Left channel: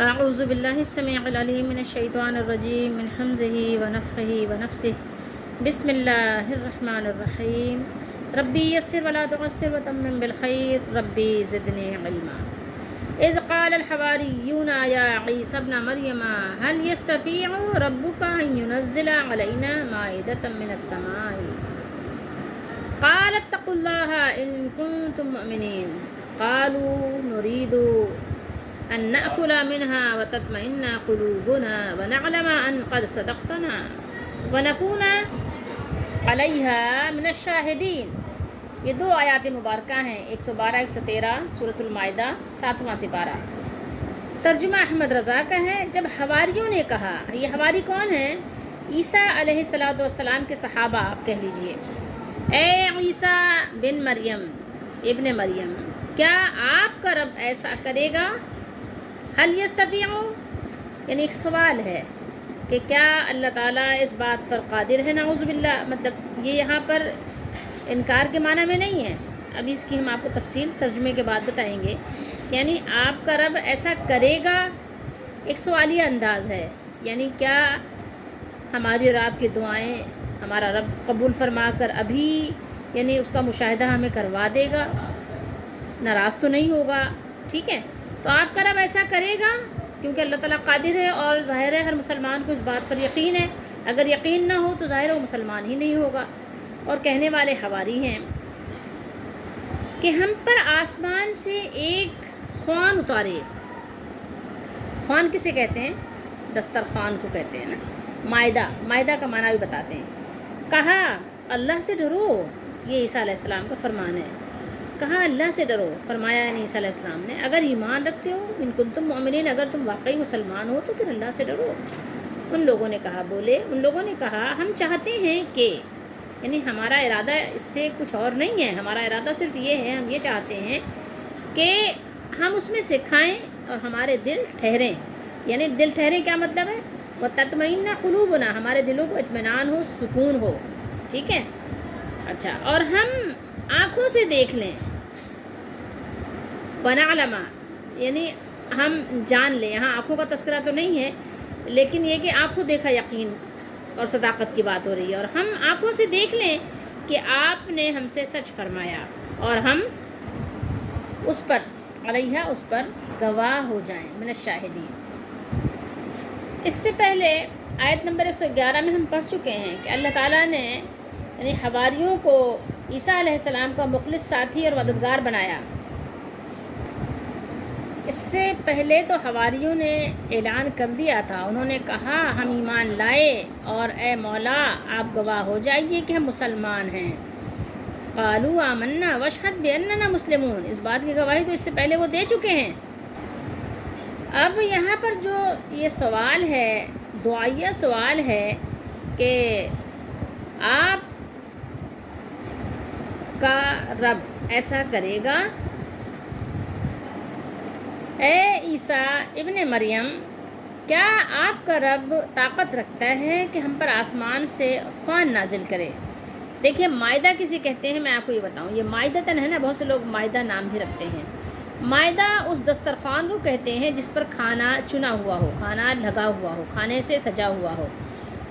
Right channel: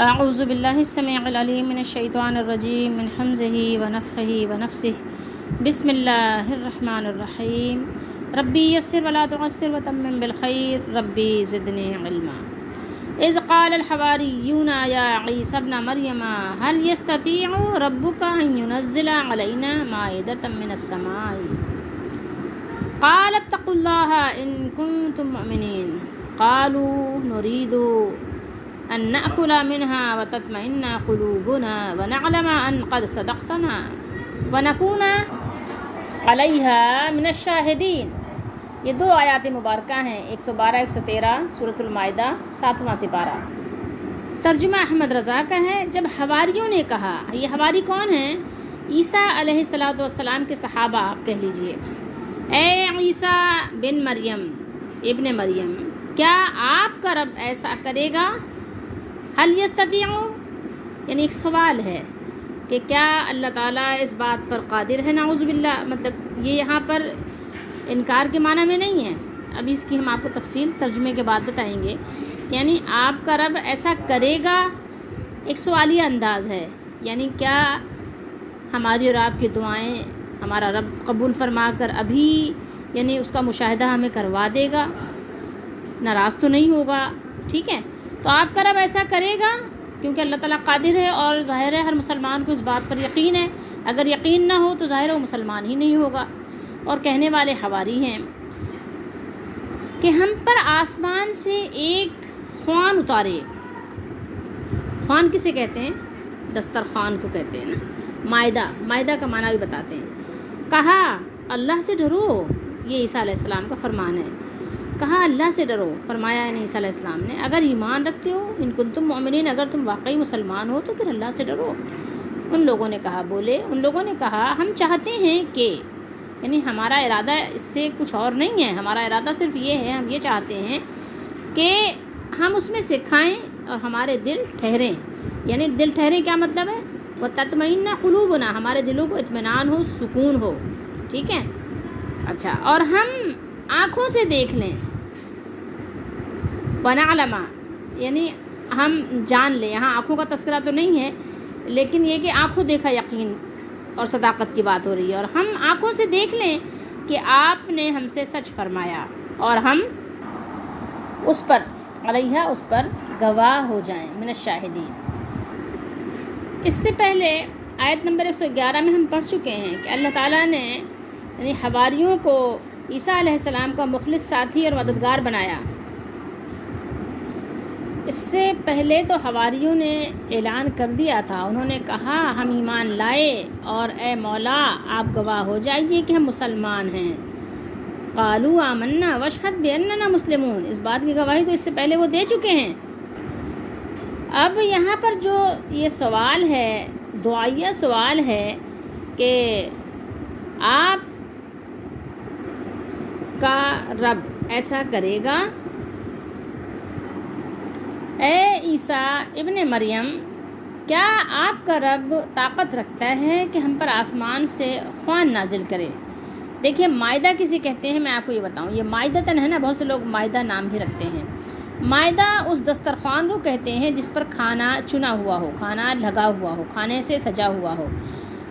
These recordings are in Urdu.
اعوذ باللہ السمیع العلیم من الشیطان الرجیم من حمزہ ونفخہ ونفثہ بسم اللہ الرحمن الرحیم ربی یسر ولا تعسر وتمم بالخیر ربی زدنی علما اذ قال الحواریون یا عیسی ابن مریم هل یستطیع ربک ان ینزل علینا مائدۃ من السماء قال اتقوا اللہ ان کنتم مؤمنین قالوا نريد أن نأكل منها وتطمئن قلوبنا ونعلم أن قد صدقتنا ونكون عليها من الشاهدين۔ یہ دو آیات مبارکہ ہیں، 112 113 سورۃ المائدہ 7واں سپارہ۔ ترجمہ احمد رضا کا ہے۔ جب حواریوں نے کہا، یہ حواری کون ہیں؟ عیسیٰ علیہ السلام کے صحابہ آپ کہہ لیجئے، اے عیسیٰ بن مریم ابن مریم، کیا آپ کا رب ایسا کرے گا؟ حل یستطیع، یعنی ایک سوال ہے کہ کیا اللہ تعالیٰ اس بات پر قادر ہے؟ نعوذ باللہ، مطلب یہ یہاں پر انکار کے معنی میں نہیں ہے، ابھی اس کی ہم آپ کو تفصیل ترجمے کے بعد بتائیں گے۔ یعنی آپ کا رب ایسا کرے گا، ایک سوالیہ انداز ہے، یعنی کیا ہماری اور آپ کی دعائیں ہمارا رب قبول فرما کر ابھی یعنی اس کا مشاہدہ ہمیں کروا دے گا، ناراض تو نہیں ہوگا؟ ٹھیک ہے، تو آپ کا رب ایسا کرے گا کیونکہ اللہ تعالیٰ قادر ہے، اور ظاہر ہے ہر مسلمان کو اس بات پر یقین ہے۔ اگر یقین نہ ہو تو ظاہر ہے وہ مسلمان ہی نہیں ہوگا۔ اور کہنے والے حواری ہیں کہ ہم پر آسمان سے ایک خوان اتارے۔ خوان کسے کہتے ہیں؟ دسترخوان کو کہتے ہیں نا۔ مائدہ کا معنی بھی بتاتے ہیں۔ کہا اللہ سے ڈرو، یہ عیسیٰ علیہ السلام کا فرمان ہے۔ کہا اللہ سے ڈرو، فرمایا عیسیٰ علیہ السلام نے اگر ایمان رکھتے ہو، ان کنتم مؤمنین، اگر تم واقعی مسلمان ہو تو پھر اللہ سے ڈرو۔ ان لوگوں نے کہا ہم چاہتے ہیں کہ، یعنی ہمارا ارادہ اس سے کچھ اور نہیں ہے، ہمارا ارادہ صرف یہ ہے، ہم یہ چاہتے ہیں کہ ہم اس میں سے کھائیں اور ہمارے دل ٹھہریں۔ یعنی دل ٹھہریں کیا مطلب ہے؟ وَتَطْمَئِنَّ قُلُوبُنَا، ہمارے دلوں کو اطمینان ہو، سکون ہو، ٹھیک ہے۔ اچھا، اور ہم آنکھوں سے دیکھ لیں، وَنَعْلَمَ، یعنی ہم جان لیں۔ یہاں آنکھوں کا تذکرہ تو نہیں ہے، لیکن یہ کہ آنکھوں دیکھا یقین اور صداقت کی بات ہو رہی ہے، اور ہم آنکھوں سے دیکھ لیں کہ آپ نے ہم سے سچ فرمایا، اور ہم اس پر گواہ ہو جائیں، من الشاہدین۔ اس سے پہلے آیت نمبر 111 میں ہم پڑھ چکے ہیں کہ اللہ تعالیٰ نے یعنی حواریوں کو عیسیٰ علیہ السلام کا مخلص ساتھی اور مددگار بنایا۔ اس سے پہلے تو حواریوں نے اعلان کر دیا تھا، انہوں نے کہا ہم ایمان لائے اور اے مولا آپ گواہ ہو جائیے کہ ہم مسلمان ہیں۔ قالوا آمنا واشہد باننا مسلمون، اس بات کی گواہی تو اس سے پہلے وہ دے چکے ہیں۔ اب یہاں پر جو یہ سوال ہے، دعائیہ سوال ہے کہ آپ کا رب ایسا کرے گا؟ اے عیسیٰ ابن مریم، کیا آپ کا رب طاقت رکھتا ہے کہ ہم پر آسمان سے خوان نازل کرے؟ دیکھیے مائدہ کسی کہتے ہیں، میں آپ کو یہ بتاؤں، یہ مائدتاً ہے نا، بہت سے لوگ مائدہ نام بھی رکھتے ہیں۔ مائدہ اس دسترخوان کو کہتے ہیں جس پر کھانا چنا ہوا ہو، کھانا لگا ہوا ہو، کھانے سے سجا ہوا ہو،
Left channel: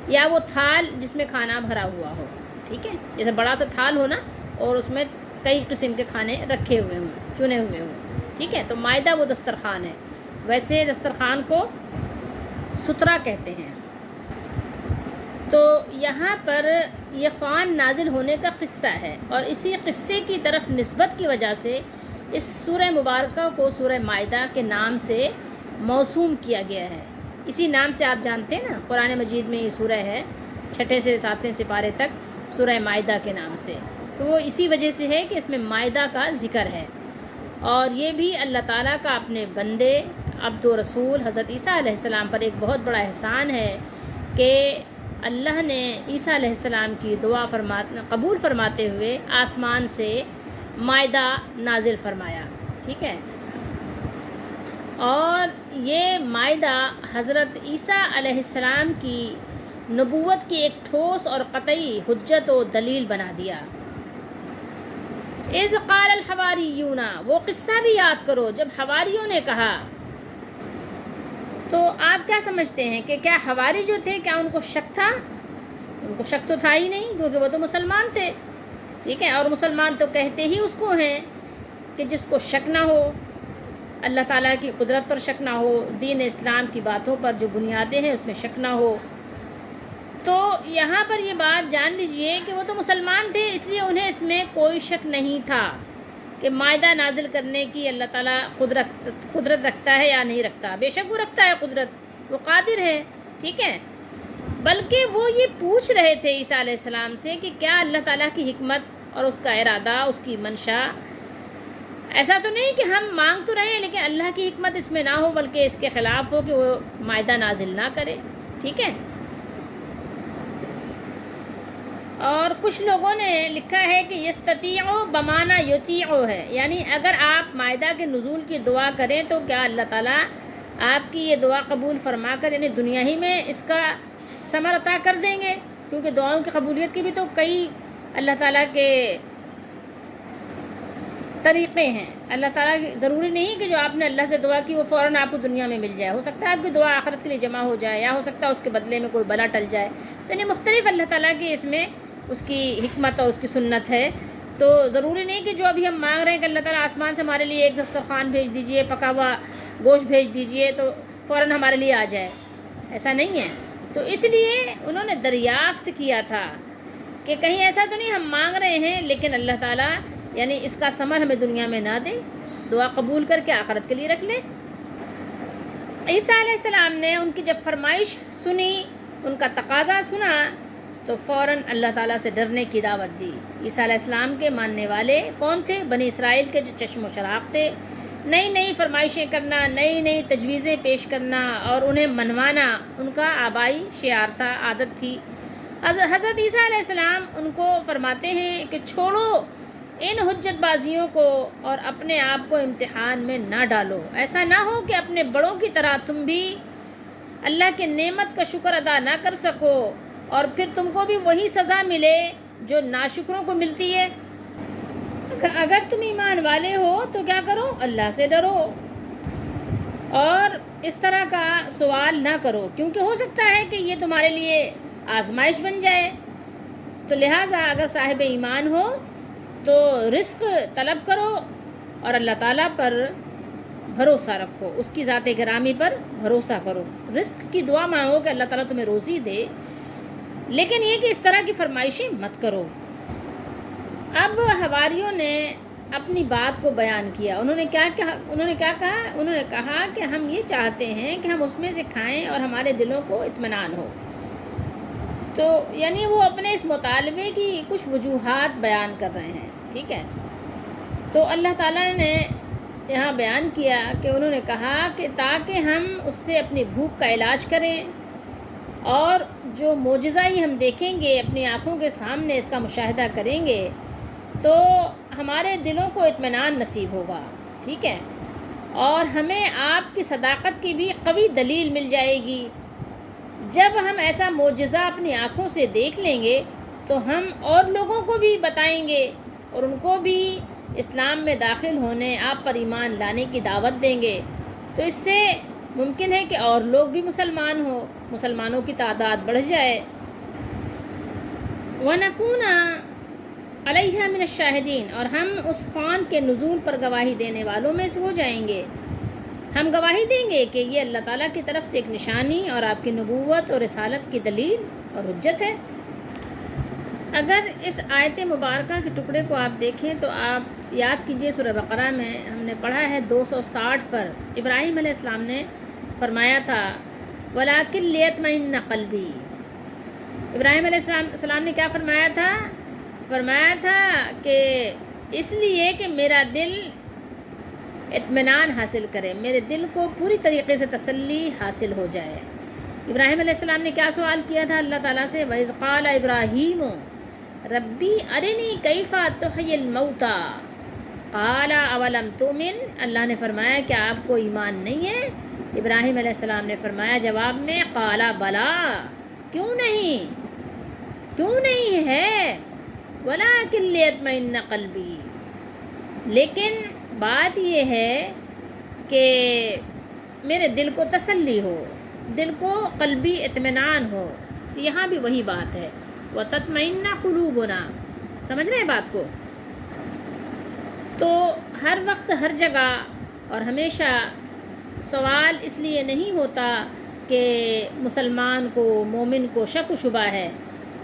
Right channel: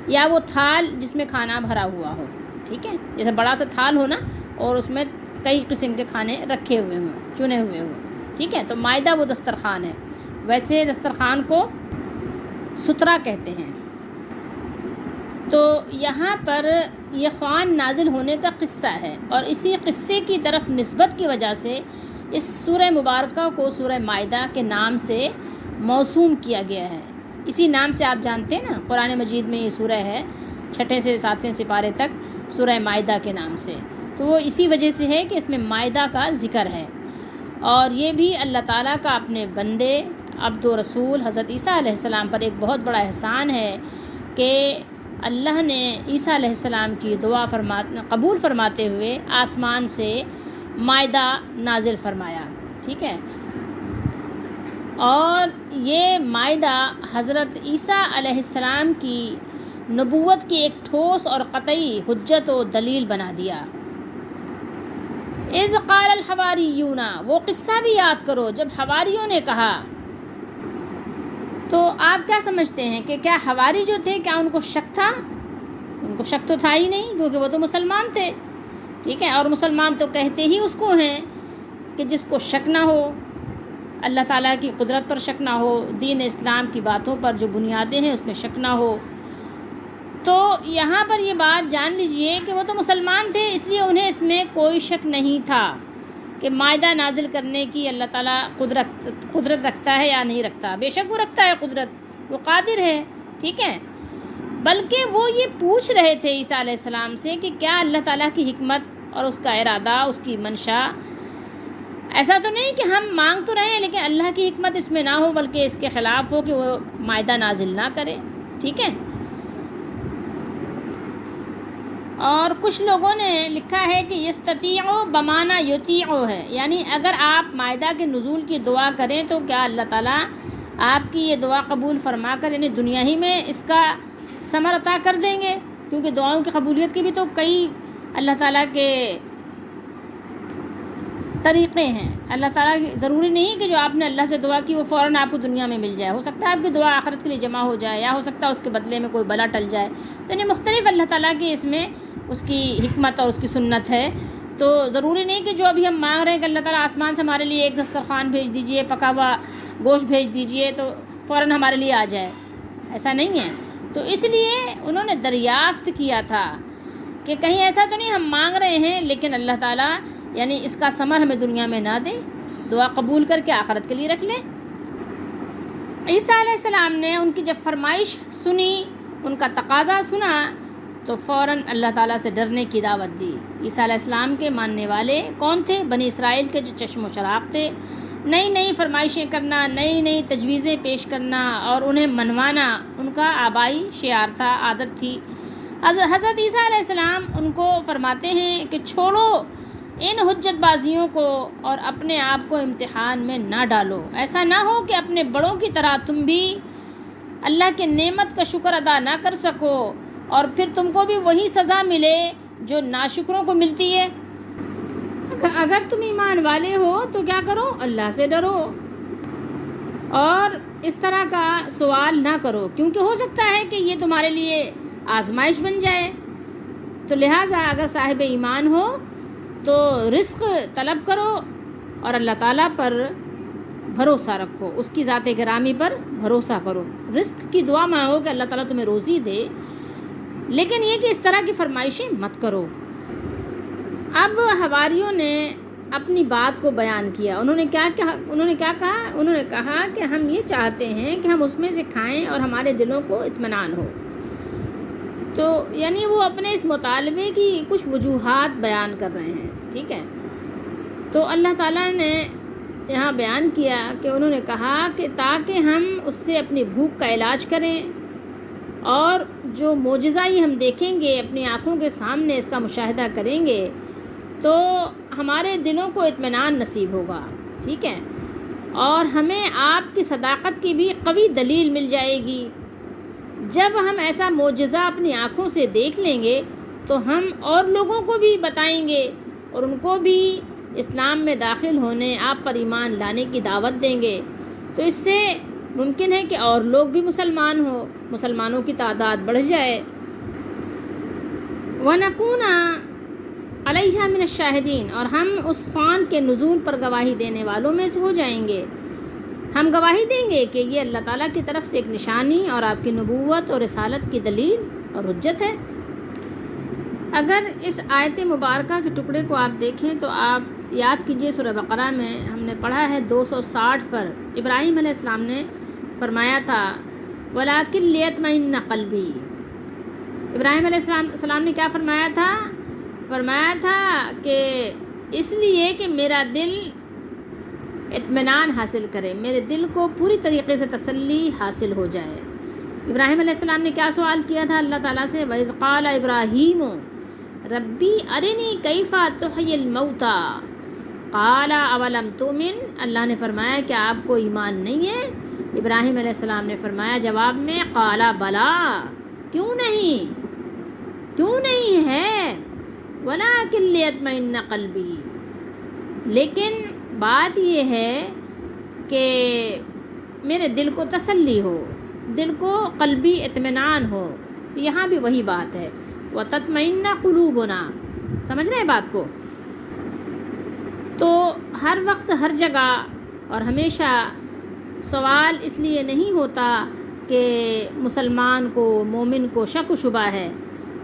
یا وہ تھال جس میں کھانا بھرا ہوا ہو، ٹھیک ہے، جیسے بڑا سا تھال ہو نا، اور اس میں کئی قسم کے کھانے رکھے ہوئے ہوں، چنے ہوئے ہوں، ٹھیک ہے، تو مائدہ وہ دسترخوان ہے۔ ویسے دسترخوان کو سترہ کہتے ہیں۔ تو یہاں پر یہ خوان نازل ہونے کا قصہ ہے، اور اسی قصے کی طرف نسبت کی وجہ سے اس سورہ مبارکہ کو سورہ مائدہ کے نام سے موسوم کیا گیا ہے۔ اسی نام سے آپ جانتے ہیں نا، قرآن مجید میں یہ سورہ ہے، 6 سے 7 سپارے تک سورہ مائدہ کے نام سے، تو وہ اسی وجہ سے ہے کہ اس میں مائدہ کا ذکر ہے۔ اور یہ بھی اللہ تعالیٰ کا اپنے بندے عبد و رسول حضرت عیسیٰ علیہ السلام پر ایک بہت بڑا احسان ہے کہ اللہ نے عیسیٰ علیہ السلام کی دعا قبول فرماتے ہوئے آسمان سے مائدہ نازل فرمایا، ٹھیک ہے۔ اور یہ مائدہ حضرت عیسیٰ علیہ السلام کی نبوت کی ایک ٹھوس اور قطعی حجت و دلیل بنا دیا۔ اذ قال الحواریون، وہ قصہ بھی یاد کرو جب حواریوں نے کہا، تو آپ کیا سمجھتے ہیں کہ کیا حواری جو تھے کیا ان کو شک تھا؟ ان کو شک تو تھا ہی نہیں، کیونکہ وہ تو مسلمان تھے، ٹھیک ہے، اور مسلمان تو کہتے ہی اس کو ہیں کہ جس کو شک نہ ہو، اللہ تعالیٰ کی قدرت پر شک نہ ہو، دین اسلام کی باتوں پر جو بنیادیں ہیں اس میں شک نہ ہو۔ تو یہاں پر یہ بات جان لیجئے کہ وہ تو مسلمان تھے، اس لیے انہیں اس میں کوئی شک نہیں تھا کہ مائدہ نازل کرنے کی اللہ تعالیٰ قدرت رکھتا ہے یا نہیں رکھتا۔ بے شک وہ رکھتا ہے قدرت، وہ قادر ہے، ٹھیک ہے، بلکہ وہ یہ پوچھ رہے تھے عیسیٰ علیہ السلام سے کہ کیا اللہ تعالیٰ کی حکمت اور اس کا ارادہ، اس کی منشا، ایسا تو نہیں کہ ہم مانگ تو رہے ہیں لیکن اللہ کی حکمت اس میں نہ ہو، بلکہ اس کے خلاف ہو کہ وہ مائدہ نازل نہ کرے، ٹھیک ہے۔ اور کچھ لوگوں نے لکھا ہے کہ یستطیع بمانا یطیع ہے، یعنی اگر آپ مائدہ کے نزول کی دعا کریں تو کیا اللہ تعالیٰ آپ کی یہ دعا قبول فرما کر یعنی دنیا ہی میں اس کا ثمر عطا کر دیں گے، کیونکہ دعاؤں کی قبولیت کے بھی تو کئی اللہ تعالیٰ کے طریقے ہیں۔ اللہ تعالیٰ ضروری نہیں کہ جو آپ نے اللہ سے دعا کی وہ فوراً آپ کو دنیا میں مل جائے، ہو سکتا ہے آپ کی دعا آخرت کے لیے جمع ہو جائے، یا ہو سکتا ہے اس کے بدلے میں کوئی بلا ٹل جائے، تو یعنی مختلف اللہ تعالیٰ کی اس میں اس کی حکمت اور اس کی سنت ہے۔ تو ضروری نہیں کہ جو ابھی ہم مانگ رہے ہیں کہ اللہ تعالیٰ آسمان سے ہمارے لیے ایک دسترخوان بھیج دیجئے، پکا ہوا گوشت بھیج دیجئے تو فوراً ہمارے لیے آ جائے، ایسا نہیں ہے۔ تو اس لیے انہوں نے دریافت کیا تھا کہ کہیں ایسا تو نہیں ہم مانگ رہے ہیں لیکن اللہ تعالیٰ یعنی اس کا ثمر ہمیں دنیا میں نہ دے، دعا قبول کر کے آخرت کے لیے رکھ لے۔ عیسیٰ علیہ السلام نے ان کی جب فرمائش سنی، ان کا تقاضا سنا، تو فوراً اللہ تعالیٰ سے ڈرنے کی دعوت دی۔ عیسیٰ علیہ السلام کے ماننے والے کون تھے؟ بنی اسرائیل کے جو چشم و چراغ تھے، نئی نئی فرمائشیں کرنا، نئی نئی تجویزیں پیش کرنا اور انہیں منوانا ان کا آبائی شعار تھا، عادت تھی۔ حضرت عیسیٰ علیہ السلام ان کو فرماتے ہیں کہ چھوڑو ان حجت بازیوں کو اور اپنے آپ کو امتحان میں نہ ڈالو، ایسا نہ ہو کہ اپنے بڑوں کی طرح تم بھی اللہ کی نعمت کا شکر ادا نہ کر سکو اور پھر تم کو بھی وہی سزا ملے جو ناشکروں کو ملتی ہے۔ اگر تم ایمان والے ہو تو کیا کرو؟ اللہ سے ڈرو اور اس طرح کا سوال نہ کرو، کیونکہ ہو سکتا ہے کہ یہ تمہارے لیے آزمائش بن جائے۔ تو لہٰذا اگر صاحب ایمان ہو تو رزق طلب کرو اور اللہ تعالیٰ پر بھروسہ رکھو، اس کی ذات گرامی پر بھروسہ کرو، رزق کی دعا مانگو کہ اللہ تعالیٰ تمہیں روزی دے، لیکن یہ کہ اس طرح کی فرمائشیں مت کرو۔ اب حواریوں نے اپنی بات کو بیان کیا، انہوں نے کیا کہا؟ انہوں نے کہا کہ ہم یہ چاہتے ہیں کہ ہم اس میں سے کھائیں اور ہمارے دلوں کو اطمینان ہو۔ تو یعنی وہ اپنے اس مطالبے کی کچھ وجوہات بیان کر رہے ہیں، ٹھیک ہے۔ تو اللہ تعالیٰ نے یہاں بیان کیا کہ انہوں نے کہا کہ تاکہ ہم اس سے اپنی بھوک کا علاج کریں اور جو معجزہ ہی ہم دیکھیں گے، اپنی آنکھوں کے سامنے اس کا مشاہدہ کریں گے تو ہمارے دلوں کو اطمینان نصیب ہوگا، ٹھیک ہے، اور ہمیں آپ کی صداقت کی بھی قوی دلیل مل جائے گی۔ جب ہم ایسا معجزہ اپنی آنکھوں سے دیکھ لیں گے تو ہم اور لوگوں کو بھی بتائیں گے اور ان کو بھی اسلام میں داخل ہونے، آپ پر ایمان لانے کی دعوت دیں گے، تو اس سے ممکن ہے کہ اور لوگ بھی مسلمان ہوں، مسلمانوں کی تعداد بڑھ جائے۔ وَنَكُونَ عَلَيْهَا مِنَ الشَّاهِدِينَ، اور ہم اس خوان کے نزول پر گواہی دینے والوں میں سے ہو جائیں گے۔ ہم گواہی دیں گے کہ یہ اللہ تعالیٰ کی طرف سے ایک نشانی اور آپ کی نبوت اور رسالت کی دلیل اور حجت ہے۔ اگر اس آیت مبارکہ کے ٹکڑے کو آپ دیکھیں تو آپ یاد کیجئے سورہ بقرہ میں ہم نے پڑھا ہے 260 پر ابراہیم علیہ السلام نے فرمایا تھا وَلَٰكِن لِيَطْمَئِنَّ قَلْبِي۔ ابراہیم علیہ السلام نے کیا فرمایا تھا؟ فرمایا تھا کہ اس لیے کہ میرا دل اطمینان حاصل کرے، میرے دل کو پوری طریقے سے تسلی حاصل ہو جائے۔ ابراہیم علیہ السلام نے کیا سوال کیا تھا اللہ تعالیٰ سے؟ وَإِذْ قَالَ إِبْرَاهِيمُ رَبِّي أَرِنِي كَيْفَ تُحْيِي الْمَوْتَى قَالَ أَوَلَمْ تُؤْمِنْ۔ اللہ نے فرمایا کہ آپ کو ایمان نہیں ہے؟ ابراہیم علیہ السلام نے فرمایا جواب میں قَالَ بَلَىٰ، کیوں نہیں ہے، وَلَٰكِن لِيَطْمَئِنَّ قَلْبِي، لیکن بات یہ ہے کہ میرے دل کو تسلی ہو، دل کو قلبی اطمینان ہو۔ یہاں بھی وہی بات ہے، وَتَطْمَئِنَّ قُلُوبُنَا، سمجھ رہے ہیں بات کو؟ تو ہر وقت ہر جگہ اور ہمیشہ سوال اس لیے نہیں ہوتا کہ مسلمان کو، مومن کو شک و شبہ ہے،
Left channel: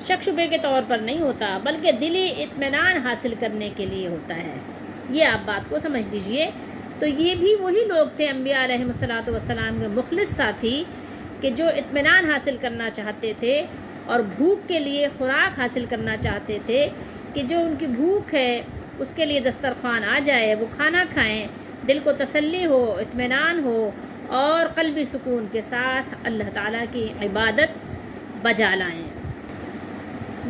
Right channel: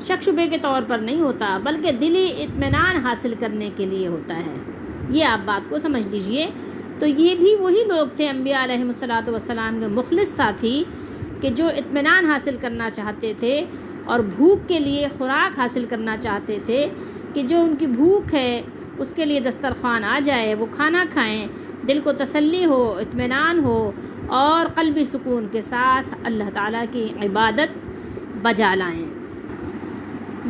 شک شبے کے طور پر نہیں ہوتا، بلکہ دلی اطمینان حاصل کرنے کے لیے ہوتا ہے۔ یہ آپ بات کو سمجھ لیجئے۔ تو یہ بھی وہی لوگ تھے انبیاء علیہ الصلوۃ والسلام کے مخلص ساتھی کہ جو اطمینان حاصل کرنا چاہتے تھے اور بھوک کے لیے خوراک حاصل کرنا چاہتے تھے کہ جو ان کی بھوک ہے اس کے لیے دسترخوان آ جائے، وہ کھانا کھائیں، دل کو تسلی ہو، اطمینان ہو اور قلبی سکون کے ساتھ اللہ تعالیٰ کی عبادت بجا لائیں۔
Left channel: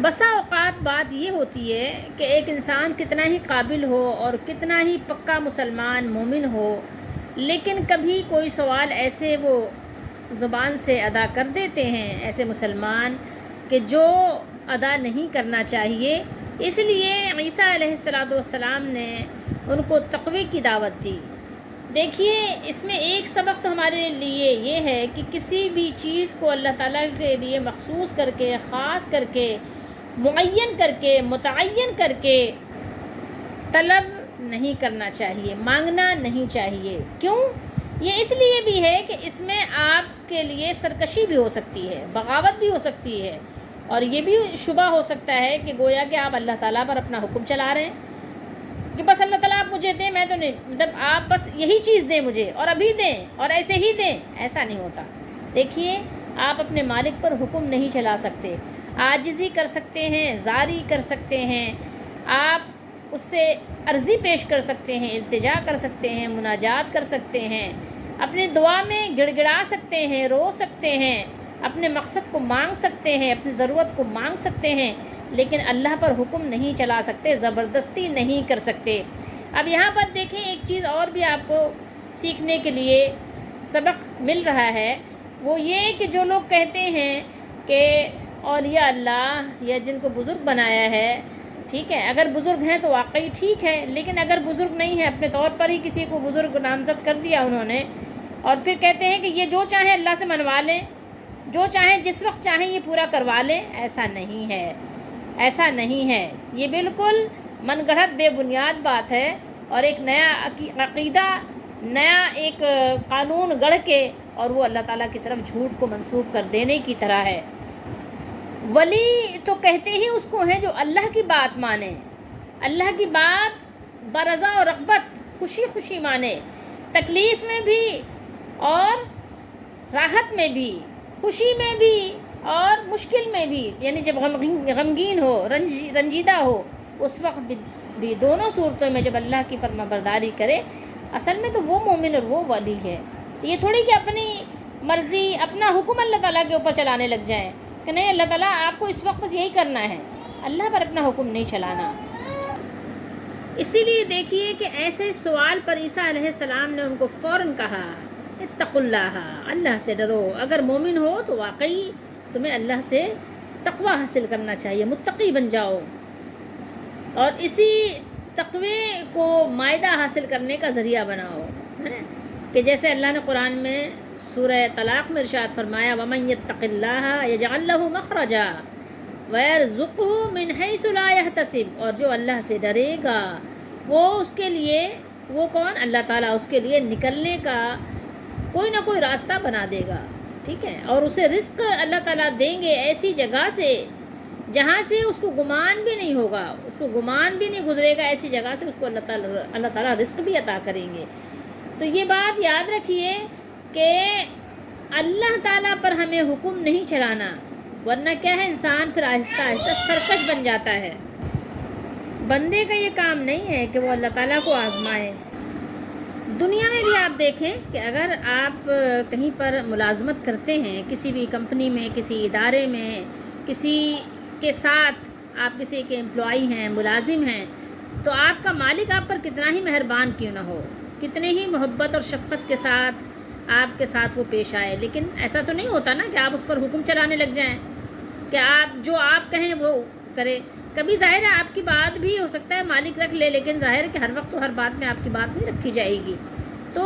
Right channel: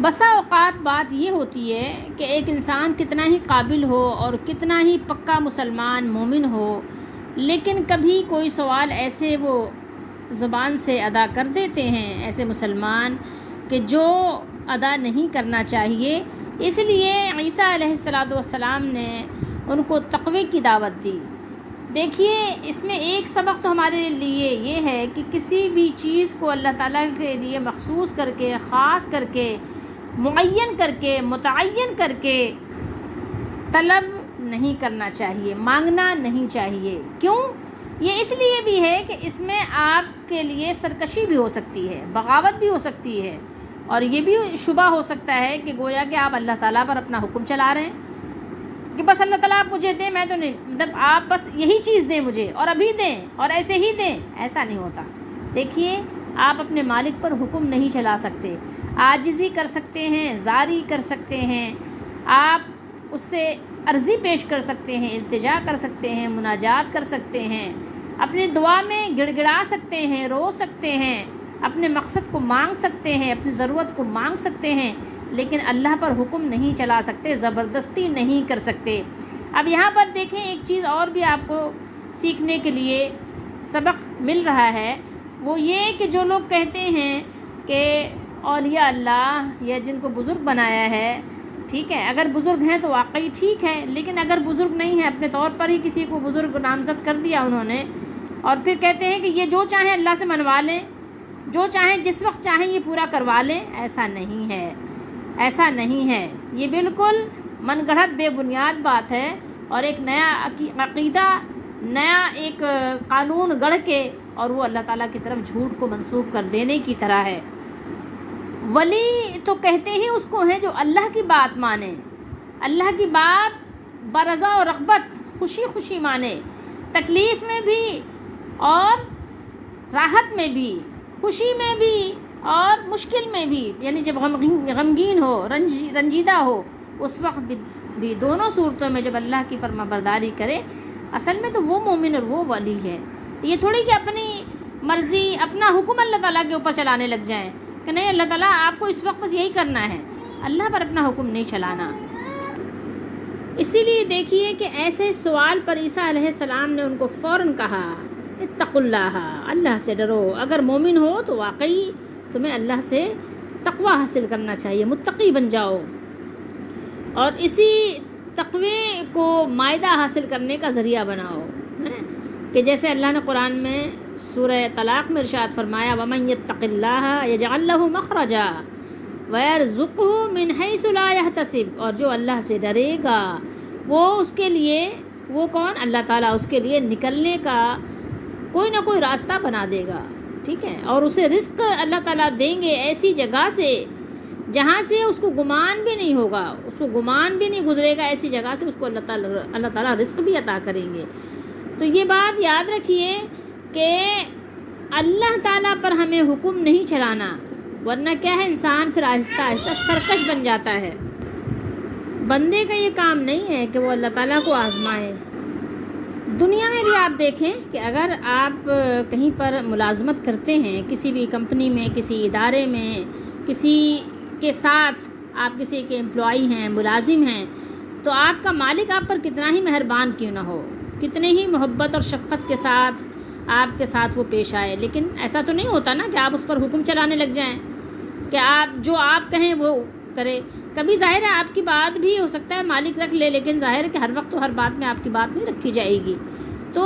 بسا اوقات بات یہ ہوتی ہے کہ ایک انسان کتنا ہی قابل ہو اور کتنا ہی پکا مسلمان مومن ہو، لیکن کبھی کوئی سوال ایسے وہ زبان سے ادا کر دیتے ہیں ایسے مسلمان کہ جو ادا نہیں کرنا چاہیے۔ اس لیے عیسیٰ علیہ السلام نے ان کو تقوی کی دعوت دی۔ دیکھیے اس میں ایک سبق تو ہمارے لیے یہ ہے کہ کسی بھی چیز کو اللہ تعالیٰ کے لیے مخصوص کر کے، خاص کر کے، معین کر کے، متعین کر کے طلب نہیں کرنا چاہیے، مانگنا نہیں چاہیے۔ کیوں؟ یہ اس لیے بھی ہے کہ اس میں آپ کے لیے سرکشی بھی ہو سکتی ہے، بغاوت بھی ہو سکتی ہے، اور یہ بھی شبہ ہو سکتا ہے کہ گویا کہ آپ اللہ تعالیٰ پر اپنا حکم چلا رہے ہیں کہ بس اللہ تعالیٰ آپ مجھے دیں، میں تو نہیں، مطلب آپ بس یہی چیز دیں مجھے اور ابھی دیں اور ایسے ہی دیں، ایسا نہیں ہوتا۔ دیکھیے آپ اپنے مالک پر حکم نہیں چلا سکتے، عاجزی کر سکتے ہیں، زاری کر سکتے ہیں، آپ اس سے عرضی پیش کر سکتے ہیں، التجا کر سکتے ہیں، مناجات کر سکتے ہیں، اپنی دعا میں گڑ گڑا سکتے ہیں، رو سکتے ہیں، اپنے مقصد کو مانگ سکتے ہیں، اپنی ضرورت کو مانگ سکتے ہیں، لیکن اللہ پر حکم نہیں چلا سکتے، زبردستی نہیں کر سکتے۔ اب یہاں پر دیکھیں ایک چیز اور بھی آپ کو سیکھنے کے لیے سبق مل رہا ہے، وہ یہ کہ جو لوگ کہتے ہیں کہ اولیاء اللہ یا جن کو بزرگ بنایا ہے، ٹھیک ہے، اگر بزرگ ہیں تو واقعی ٹھیک ہے، لیکن اگر بزرگ نہیں ہے، اپنے طور پر ہی کسی کو بزرگ نامزد کر دیا انہوں نے، اور پھر کہتے ہیں کہ یہ جو چاہیں اللہ سے منوا لیں، جو چاہیں جس وقت چاہیں یہ پورا کروا لیں، ایسا نہیں ہے، ایسا نہیں ہے، یہ بالکل من گڑھت بے بنیاد بات ہے، اور ایک نیا عقیدہ، نیا ایک قانون گڑھ کے اور وہ اللہ تعالیٰ کی طرف جھوٹ کو منسوب کر دینے کی طرح ہے۔ ولی تو کہتے ہی اس کو ہیں جو اللہ کی بات مانے، اللہ کی بات برضا و رغبت، خوشی خوشی مانے، تکلیف میں بھی اور راحت میں بھی، خوشی میں بھی اور مشکل میں بھی، یعنی جب غمگین ہو، رنجیدہ ہو، اس وقت بھی دونوں صورتوں میں جب اللہ کی فرما برداری کرے، اصل میں تو وہ مومن اور وہ ولی ہے۔ یہ تھوڑی کہ اپنی مرضی، اپنا حکم اللہ تعالیٰ کے اوپر چلانے لگ جائیں کہ نہیں اللہ تعالیٰ آپ کو اس وقت بس یہی کرنا ہے، اللہ پر اپنا حکم نہیں چلانا۔ اسی لیے دیکھیے کہ ایسے سوال پر عیسیٰ علیہ السلام نے ان کو فوراً کہا اتقوا اللہ، اللہ سے ڈرو، اگر مومن ہو تو واقعی تمہیں اللہ سے تقوی حاصل کرنا چاہیے، متقی بن جاؤ، اور اسی تقوی کو مائدہ حاصل کرنے کا ذریعہ بناؤ، کہ جیسے اللہ نے قرآن میں سورہ طلاق میں ارشاد فرمایا وَمَن يَتَّقِ اللَّهَ يَجْعَلْ لَهُ مَخْرَجًا وَيَرْزُقْهُ مِنْ حَيْثُ لَا يَحْتَسِبُ، اور جو اللہ سے ڈرے گا وہ اس کے لیے، وہ کون؟ اللہ تعالیٰ اس کے لیے نکلنے کا کوئی نہ کوئی راستہ بنا دے گا، ٹھیک ہے، اور اسے رزق اللہ تعالیٰ دیں گے ایسی جگہ سے جہاں سے اس کو گمان بھی نہیں ہوگا، اس کو گمان بھی نہیں گزرے گا، ایسی جگہ سے اس کو اللہ تعالیٰ رزق بھی عطا کریں گے۔ تو یہ بات یاد رکھیے کہ اللہ تعالیٰ پر ہمیں حکم نہیں چلانا، ورنہ کیا ہے انسان پھر آہستہ آہستہ سرکش بن جاتا ہے۔ بندے کا یہ کام نہیں ہے کہ وہ اللہ تعالیٰ کو آزمائے۔ دنیا میں بھی آپ دیکھیں کہ اگر آپ کہیں پر ملازمت کرتے ہیں، کسی بھی کمپنی میں، کسی ادارے میں، کسی کے ساتھ آپ کسی کے امپلائی ہیں، ملازم ہیں، تو آپ کا مالک آپ پر کتنا ہی مہربان کیوں نہ ہو، کتنے ہی محبت اور شفقت کے ساتھ آپ کے ساتھ وہ پیش آئے، لیکن ایسا تو نہیں ہوتا نا کہ آپ اس پر حکم چلانے لگ جائیں کہ آپ جو آپ کہیں وہ کرے۔ کبھی ظاہر ہے آپ کی بات بھی ہو سکتا ہے مالک رکھ لے، لیکن ظاہر ہے کہ ہر وقت تو ہر بات میں آپ کی بات نہیں رکھی جائے گی۔ تو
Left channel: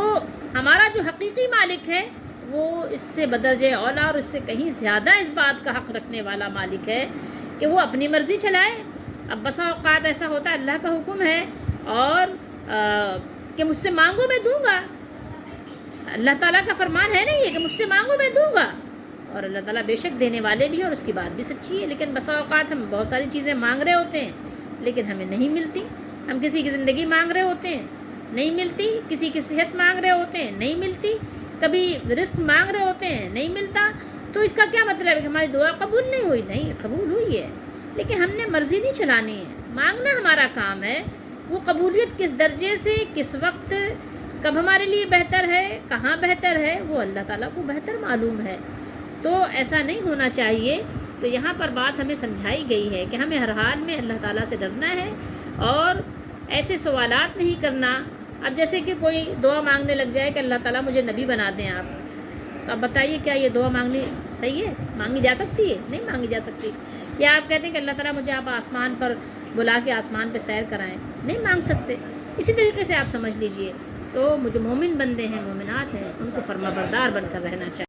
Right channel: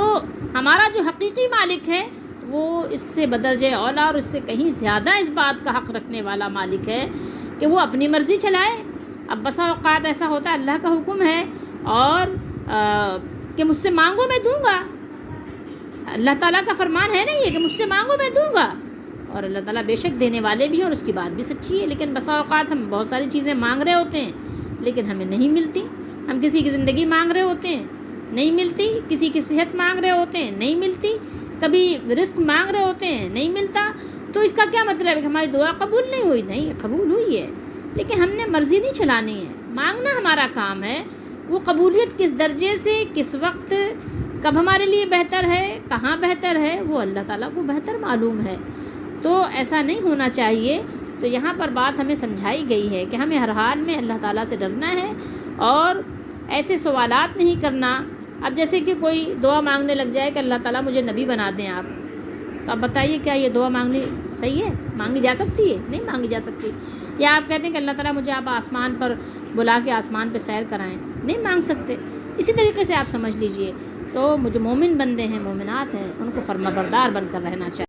ہمارا جو حقیقی مالک ہے وہ اس سے بدرجہ اولا اور اس سے کہیں زیادہ اس بات کا حق رکھنے والا مالک ہے کہ وہ اپنی مرضی چلائے۔ اب بسا اوقات ایسا ہوتا ہے اللہ کا حکم ہے اور کہ مجھ سے مانگو میں دوں گا، اللہ تعالیٰ کا فرمان ہے نا یہ کہ مجھ سے مانگو میں دوں گا، اور اللہ تعالیٰ بے شک دینے والے بھی ہیں اور اس کی بات بھی سچی ہے۔ لیکن بسا اوقات ہم بہت ساری چیزیں مانگ رہے ہوتے ہیں لیکن ہمیں نہیں ملتی، ہم کسی کی زندگی مانگ رہے ہوتے ہیں نہیں ملتی، کسی کی صحت مانگ رہے ہوتے ہیں نہیں ملتی، کبھی رزق مانگ رہے ہوتے ہیں نہیں ملتا۔ تو اس کا کیا مطلب ہے کہ ہماری دعا قبول نہیں ہوئی؟ نہیں، قبول ہوئی ہے، لیکن ہم نے مرضی نہیں چلانی ہے، مانگنا ہمارا کام ہے۔ وہ قبولیت کس درجے سے، کس وقت، کب ہمارے لیے بہتر ہے، کہاں بہتر ہے، وہ اللہ تعالیٰ کو بہتر معلوم ہے۔ تو ایسا نہیں ہونا چاہیے۔ تو یہاں پر بات ہمیں سمجھائی گئی ہے کہ ہمیں ہر حال میں اللہ تعالیٰ سے ڈرنا ہے اور ایسے سوالات نہیں کرنا۔ اب جیسے کہ کوئی دعا مانگنے لگ جائے کہ اللہ تعالیٰ مجھے نبی بنا دیں آپ، تو اب بتائیے کیا یہ دعا مانگنی صحیح ہے؟ مانگی جا سکتی ہے؟ نہیں مانگی جا سکتی۔ یا آپ کہتے ہیں کہ اللہ تعالیٰ مجھے آپ آسمان پر بلا کے آسمان پہ سیر کرائیں، نہیں مانگ سکتے۔ اسی طریقے سے آپ سمجھ لیجئے تو جو مومن بندے ہیں، مومنات ہیں، ان کو فرما بردار بن کر رہنا چاہیے۔